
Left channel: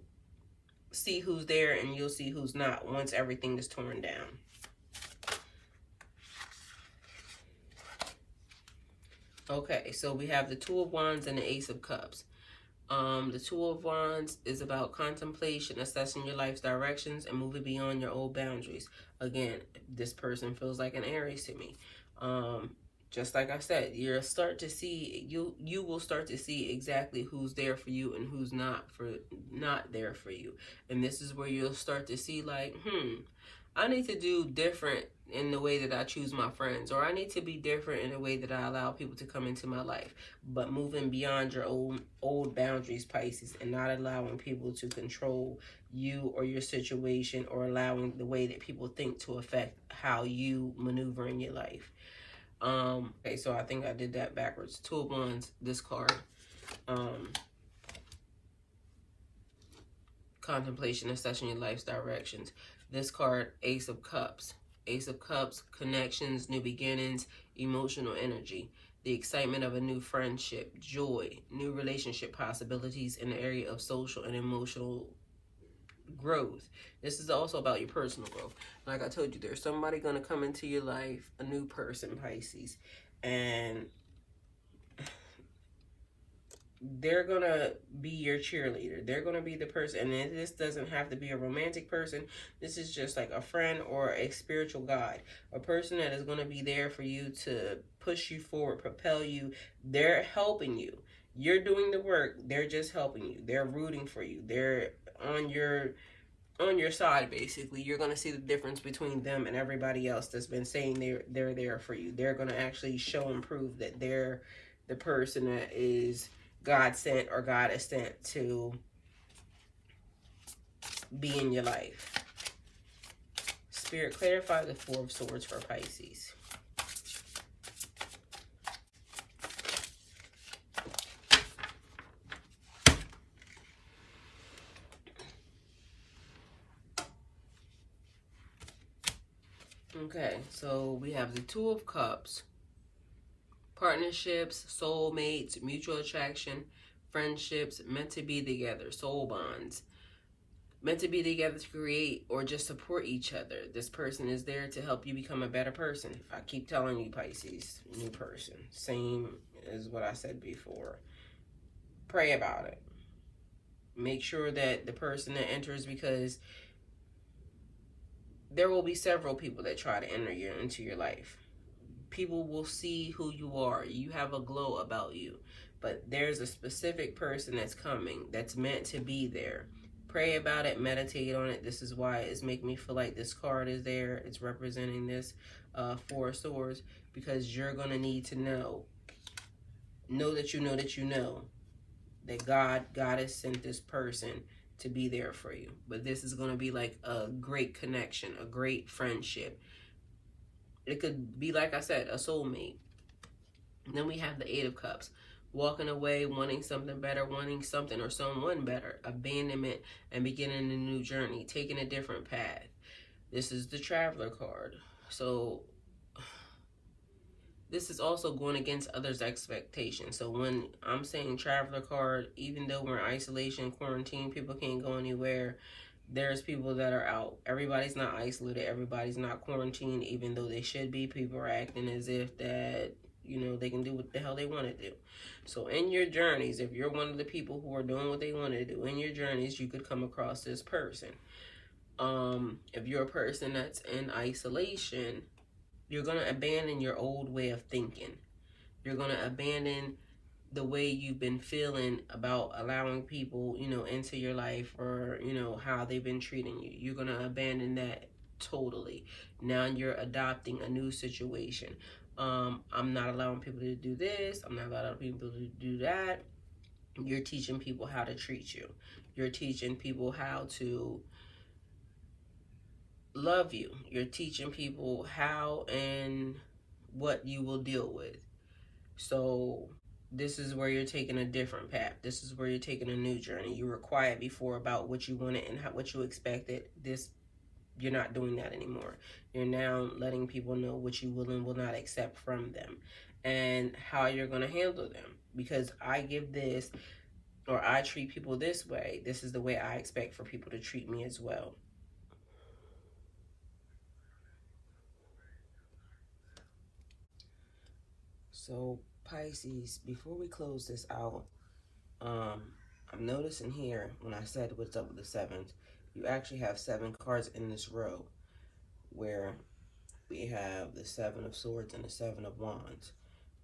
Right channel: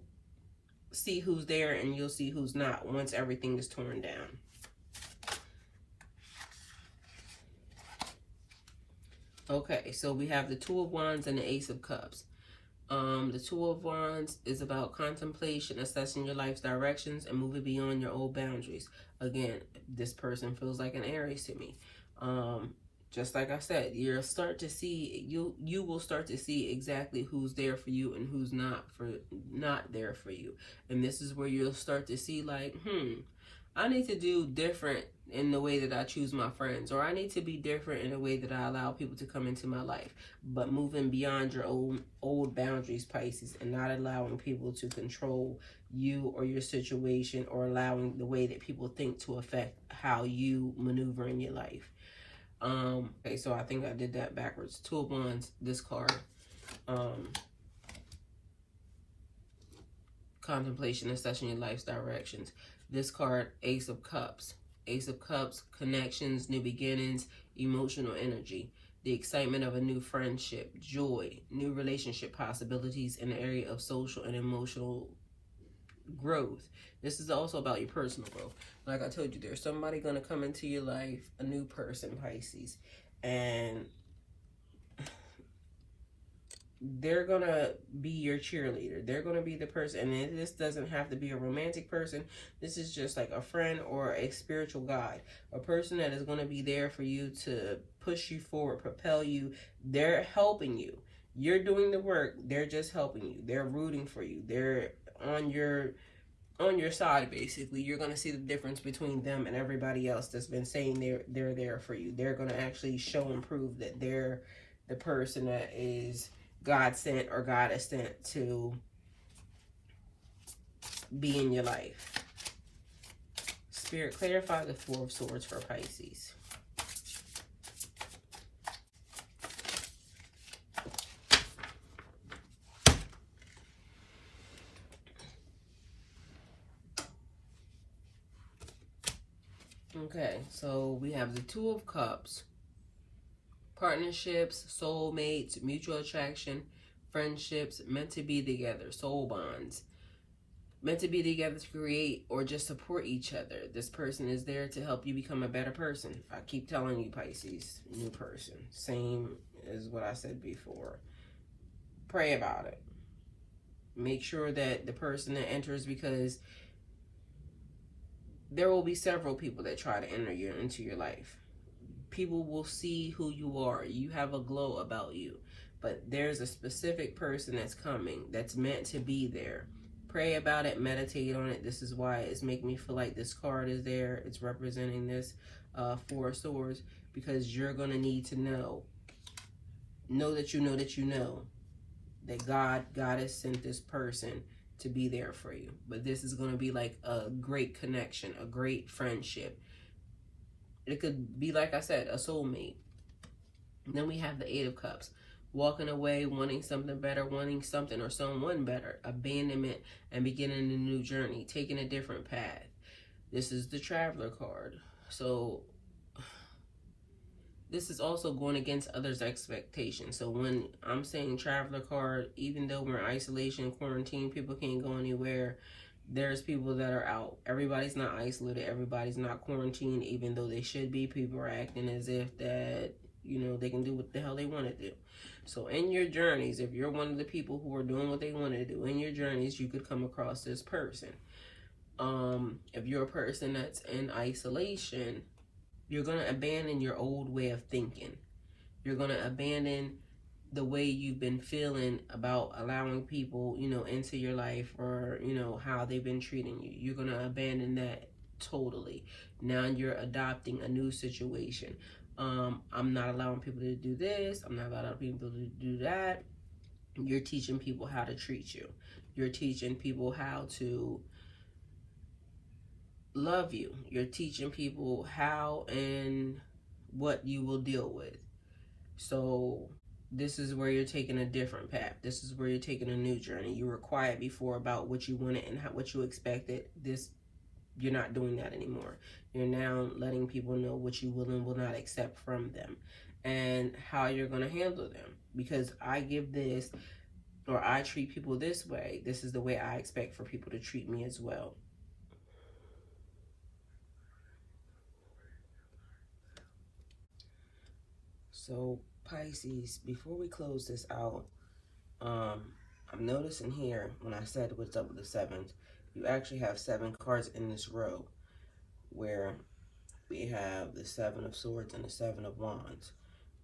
see who's there and you'll see who's not once everything is torn down. Okay, so we have the Two of Wands and the Ace of Cups. The Two of Wands is about contemplation, assessing your life's directions, and moving beyond your old boundaries. Again, this person feels like an Aries to me. Just like I said, you will start to see exactly who's there for you and who's not there for you. And this is where you'll start to see like, I need to do different in the way that I choose my friends, or I need to be different in the way that I allow people to come into my life. But moving beyond your old boundaries, Pisces, and not allowing people to control you or your situation, or allowing the way that people think to affect how you maneuver in your life. Okay, so I think I did that backwards. Two of Wands, this card. Contemplation, assessing your life's directions. This card, Ace of Cups. Ace of Cups, connections, new beginnings, emotional energy, the excitement of a new friendship, joy, new relationship possibilities in the area of social and emotional growth. This is also about your personal growth. Like I told you, there's somebody going to come into your life, a new person, Pisces, and they're going to be your cheerleader. They're going to be the person, and this doesn't have to be a romantic person. This is just like a friend or a spiritual guide, a person that is going to be there for you to push you forward, propel you. They're helping you. You're doing the work. They're just helping you. They're rooting for you. They're on your side, basically. You're going to see the difference between them and everybody else that's been saying they're there for you. They're going to actually show and prove that they're the person that is God sent or God is sent to be in your life. Spirit, clarify the Four of Swords for Pisces. Okay, so we have the Two of Cups, partnerships, soulmates, mutual attraction, friendships, meant to be together, soul bonds, meant to be together to create or just support each other. This person is there to help you become a better person. I keep telling you, Pisces, new person. Same as what I said before. Pray about it. Make sure that the person that enters, because there will be several people that try to enter into your life. People will see who you are. You have a glow about you. But there's a specific person that's coming that's meant to be there. Pray about it, meditate on it. This is why it's making me feel like this card is there. It's representing this Four of Swords, because you're going to need to know that you know that you know that God has sent this person to be there for you. But this is going to be like a great connection, a great friendship. It could be, like I said, a soulmate. And then we have the Eight of Cups. Walking away, wanting something better, wanting something or someone better. Abandonment and beginning a new journey. Taking a different path. This is the Traveler card. So this is also going against others' expectations. So when I'm saying Traveler card, even though we're in isolation, quarantine, people can't go anywhere, there's people that are out. Everybody's not isolated. Everybody's not quarantined, even though they should be. People are acting as if that, you know, they can do what the hell they want to do. So in your journeys, if you're one of the people who are doing what they want to do, in your journeys, you could come across this person. If you're a person that's in isolation, you're going to abandon your old way of thinking. You're going to abandon the way you've been feeling about allowing people, you know, into your life, or, you know, how they've been treating you. You're going to abandon that totally. Now you're adopting a new situation. I'm not allowing people to do this. I'm not allowing people to do that. You're teaching people how to treat you. You're teaching people how to love you. You're teaching people how and what you will deal with. So this is where you're taking a different path. This is where you're taking a new journey. You were quiet before about what you wanted and what you expected. You're not doing that anymore. You're now letting people know what you will and will not accept from them and how you're going to handle them. Because I give this, or I treat people this way, this is the way I expect for people to treat me as well. So Pisces, before we close this out, I'm noticing here when I said what's up with the seventh, you actually have 7 cards in this row, where we have the 7 of Swords and the 7 of Wands.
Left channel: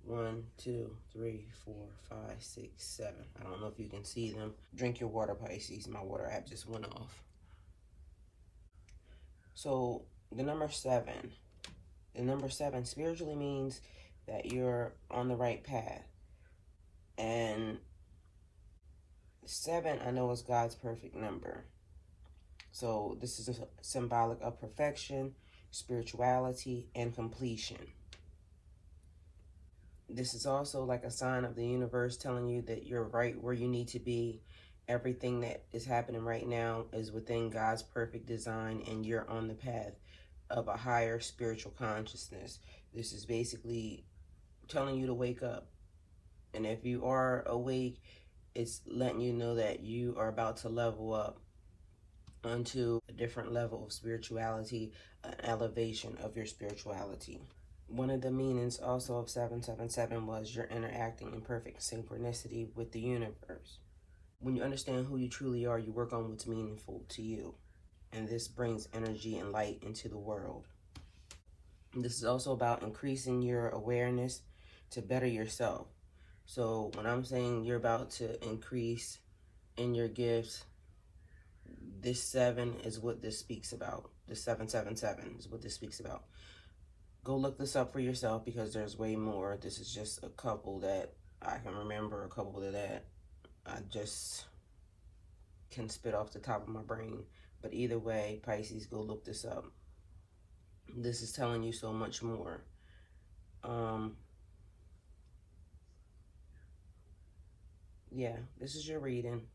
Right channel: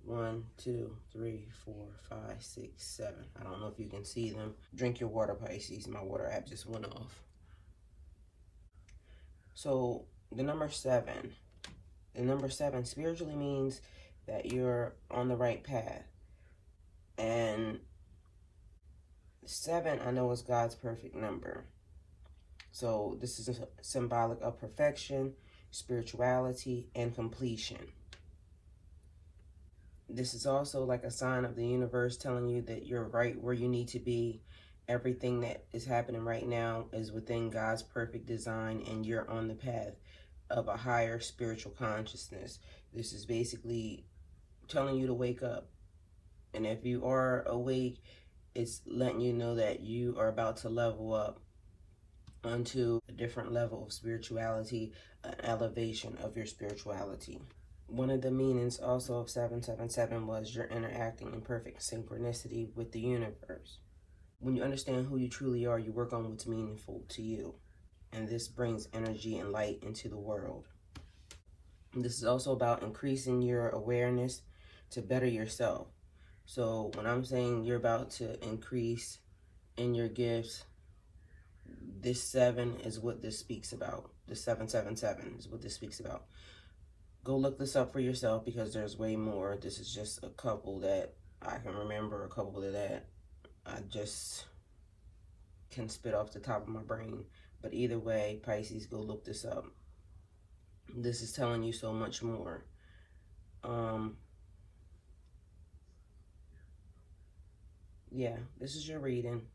1, 2, 3, 4, 5, 6, 7. I don't know if you can see them. Drink your water, Pisces. My water app just went off. So the number 7. The number 7 spiritually means that you're on the right path. And 7, I know, is God's perfect number. So this is symbolic of perfection, spirituality, and completion. This is also like a sign of the universe telling you that you're right where you need to be. Everything that is happening right now is within God's perfect design, and you're on the path of a higher spiritual consciousness. This is basically telling you to wake up. And if you are awake, it's letting you know that you are about to level up onto a different level of spirituality, an elevation of your spirituality. One of the meanings also of 777 was you're interacting in perfect synchronicity with the universe. When you understand who you truly are, you work on what's meaningful to you. And this brings energy and light into the world. And this is also about increasing your awareness to better yourself. So when I'm saying you're about to increase in your gifts, this 7 is what this speaks about. The 777 is what this speaks about. Go look this up for yourself, because there's way more. This is just a couple that I can remember, a couple that I just can spit off the top of my brain. But either way, Pisces, go look this up. This is telling you so much more. Yeah, this is your reading.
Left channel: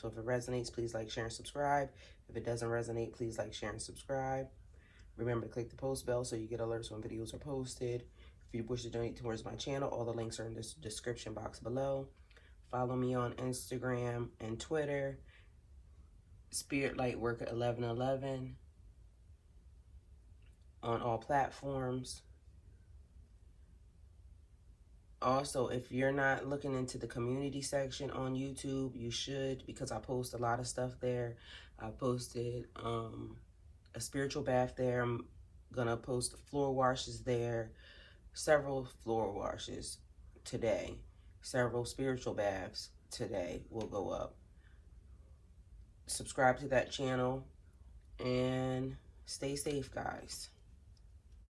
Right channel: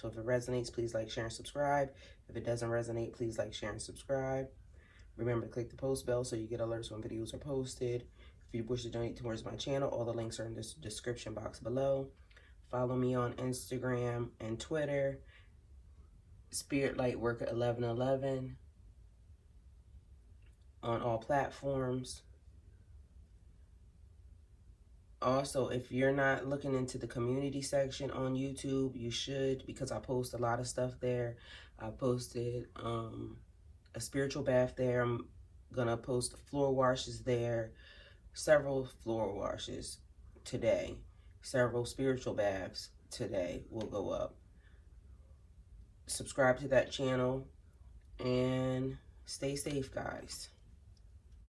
So if it resonates, please like, share, and subscribe. If it doesn't resonate, please like, share, and subscribe. Remember to click the post bell so you get alerts when videos are posted. If you wish to donate towards my channel, all the links are in the description box below. Follow me on Instagram and Twitter, Spirit Lightworker 1111 on all platforms. Also, if you're not looking into the community section on YouTube, you should, because I post a lot of stuff there. I posted a spiritual bath there. I'm gonna post floor washes there, several floor washes today, several spiritual baths today will go up. Subscribe to that channel and stay safe, guys.